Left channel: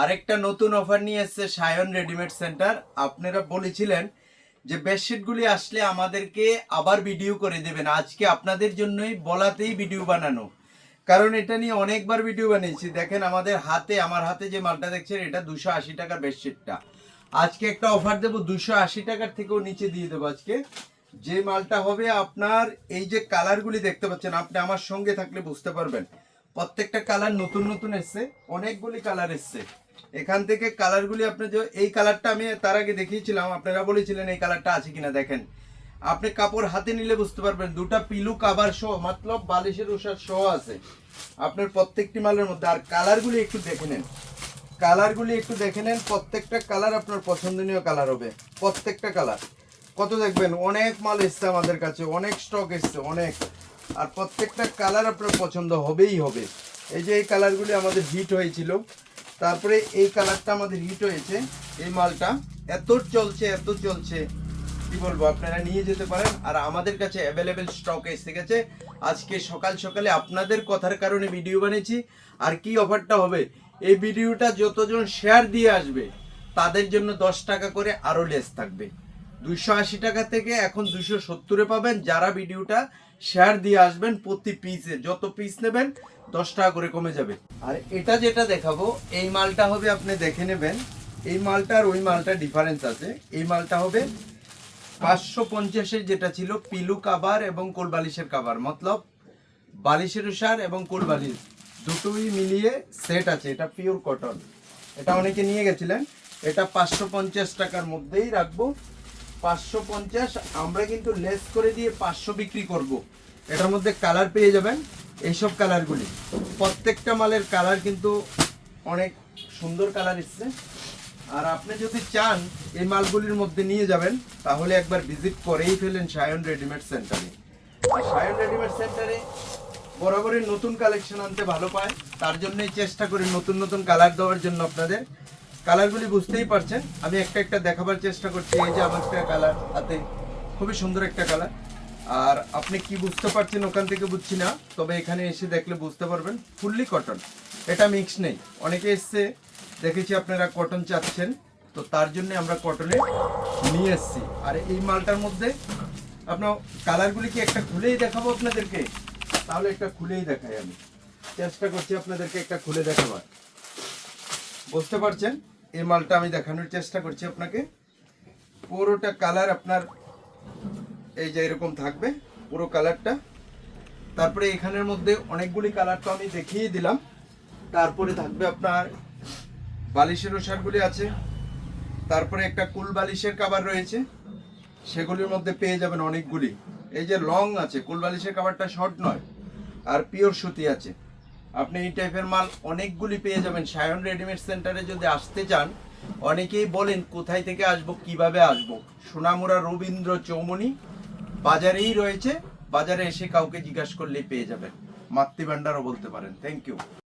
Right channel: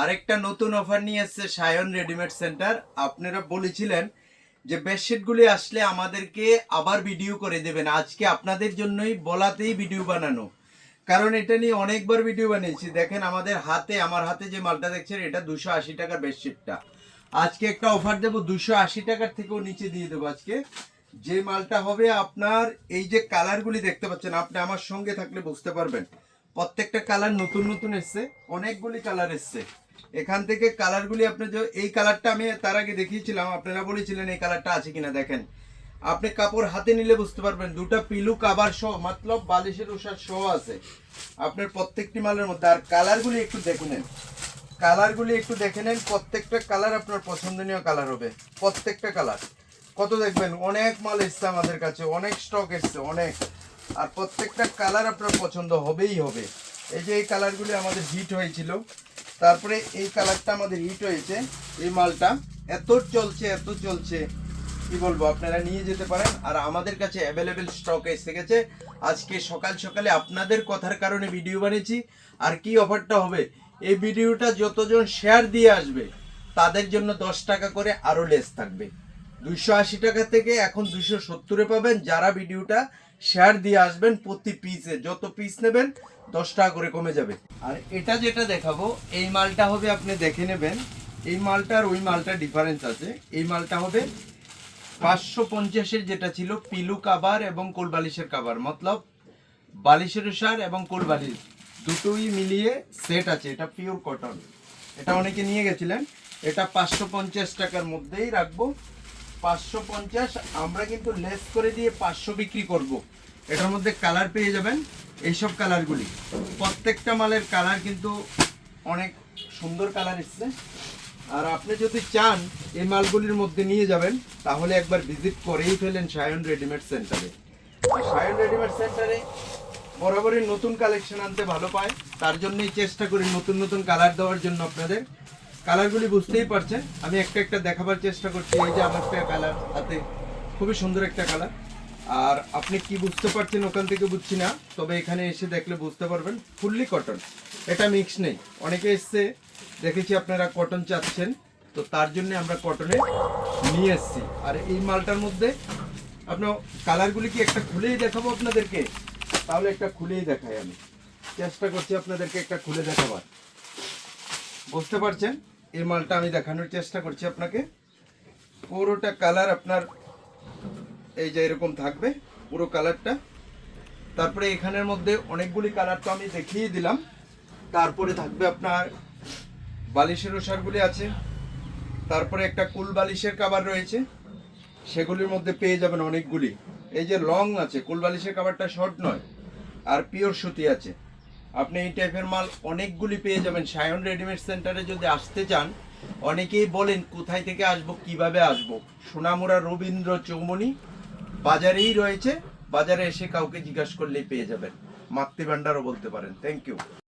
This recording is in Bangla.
আরেকটা নতুন অফার নিয়ে এসেছে সায়ন রেডিমেড সেন্টার আপনারা বলেছিলেন যে বেডশিটগুলি আসলে আমাদেরকে আবার ভিডিও করে দেবেন। আজকে আপনাদের জন্যই বলাতেই ভিডিও বানানো। কারণ এটা নিয়ে অনেকবার ভিডিও বানিয়েছি। দেখেন আমাদের হাতে, আমার হাতে যে মালটা দেখছেন, এটা দুশো আশি টাকার বেডশিটটা আজকে একটা অফার দেবো দুশো আশি টাকার থেকেও নিচে দিয়ে দেবো আজকে। যে মালটা হবে আপনার, এই যে কালারগুলি দেখতে পাচ্ছেন, আপনি আমার সঙ্গে থাকলে বুঝতে পারবেন। প্রত্যেকটা কালার নতুন নতুন এসছে, অনেকগুলি কালার এসছে। এখান থেকে কালারগুলি আপনি যে, এই কালারটা আমি তার আগে দেখিয়েছিলাম, আপনারা বলেছিলেন এই কালারটা আছে কিনা, দেখেন। আপনি কাপড় হাতে নিলে বুঝতে পারবেন, দুটা পিলু কাবার সহ, মতলব বালিশের উষার সহ আছে। আপনার প্রত্যেকটি মালের মধ্যে, আর কালারগুলি একটু দেখে নেন। কালারগুলি একটু দেখে নেন, প্রত্যেকটা কালার আপনার পছন্দনীয় কালার হবে, প্রত্যেকটা কালার। কত দেখবেন? অনেক মাল এসছে আমাদের কাছে, অনেক স্টক এসছে, অনেক। আর প্রত্যেকটা কালার আপনার পছন্দ হবেই হবে। এই যে এই কালারগুলি আমাদের হিট হয়েছিল, তারপরে এই কালারটা আমাদের হিট হয়েছে, এই মালটা। এত চলছে এত চলছে। কি বলব, আপনারা নিয়ে যেতে পারেন। আর আমাদের কাছে অ্যাভেলেবেল স্টক এসে গেছে। আজকে সকাল সকালে আপনাদের কথার কারণে ভিডিও বানিয়েছি। আর কি অফারটা হবে? এই ভিডিওটা যতজন শেয়ার দিয়ে আসবে, তাদের জন্য দশ টাকা করে আরও লেস থাকবে। দুশো আশি টাকা থেকে এখন দুশো সত্তরে পাবেন। যারা ভিডিওটা শেয়ার দিয়ে আসবেন প্রতি পিসে যত পিস নেবেন, দশ টাকা করে কমে যাবে। আর এটা যেটা দেখাবো, এই মালটা হবে আপনি দেখে নেবেন। এই মালটা আর ওই মালটা ডিফারেন্স আছে। এই মালটা হবে পাঁচশো পঞ্চাশের যেটা ছিল পিলু কাবার এবং কোলবালিশের কাবার মতলব বালিশের সার এবং কোলবালিশ দুটোই মিলিয়ে সেট আছে। এটা পিওর কটন এটা অনেকে নিয়ে গেছিলেন। এটা পাঁচশো পঞ্চাশ টাকার মধ্যেই রাখব। পাঁচশো পঞ্চাশ, আমরা কিন্তু লেস করে দিয়ে পাঁচশো বিক্রি করব। এটার মধ্যে কালার পেয়ে যাবেন, এইসব কালারগুলি প্রত্যেকটা মালের কালার কিন্তু অনেক সুন্দর কালার এসছে। আর আপনি যদি চান এই মালগুলির মধ্যে নিয়ে যাবেন, তাহলে একবার ভিজিট করেই ফেলেন সায়ন রেডিমেড সেন্টারে সায়ন রেডিমেড সেন্টারে বরাবরই নতুন কালেকশন আনতে ভালো পায়। তার জন্যই চেষ্টা করি নতুন নতুন কালার দেওয়ার জন্য আপনাদের। কালারগুলি বুঝতেই পারছেন। আমি একটা একটা দেখাবার চেষ্টা করছি, এই যে আমার একটা কালার হাতে, খুবই সুন্দর একটা কালার। আর আপনি কি বুঝতে পারছেন ওখান থেকে বুঝছি না, তবে এখানে এসে দেখলে বুঝতে পারবেন, ফুললি কটন এটা মিক্স নেই। অনেকে এসছে, দেখেছি আপনারা কটন চাচ্ছেন, তো তার জন্য আমরা কটনে নিয়ে এসেছি। আর এই মালটার মধ্যে আপনার কালারগুলি কি একটা খুলেই দেখাবো আপনাদেরকে? তাহলে একটা খুলেই দেখাই আমি। চেষ্টা করছি আপনাদেরকে একটা খুলে দেখাবার। বুঝতে পারছেন? এই মালটা আমি দেখানোর চেষ্টা করছি আপনাকে। পুরোটা কালার আপনার এই যে এরকম থাকবে, পুরো কালারটা। তারপরে এখানের মধ্যে অনেকগুলি কালার তো আমি দেখিয়ে দিলাম। তারপরে থাকবে আপনার বালিশের ওষারগুলি আছে। তারপরে একটা কুল বালিশের কাবার রয়েছে। সেগুলির মধ্যে পেয়ে যাবেন অনেকগুলি। এই যে লং আছে, কুল বালিশের কাবারটা শর্ট নয়, আর পিওর সুতি আছে। আপনি এই টাইপের মাল অনেকগুলি পেয়ে যাবেন। সায়ন রেডিমেড সেন্টারে যদি আসতে চান, অনেকেই বলেন, কোথায় থেকে আসব, কীভাবে আসব? সোনামুড়া রবীন্দ্র চৌমনি বাজারেই রয়েছে। বাজারে এসে কাউকে জিজ্ঞাসা করলেই পেয়ে যাবেন। মাতৃভাণ্ডারও বলতে পারেন। Thank you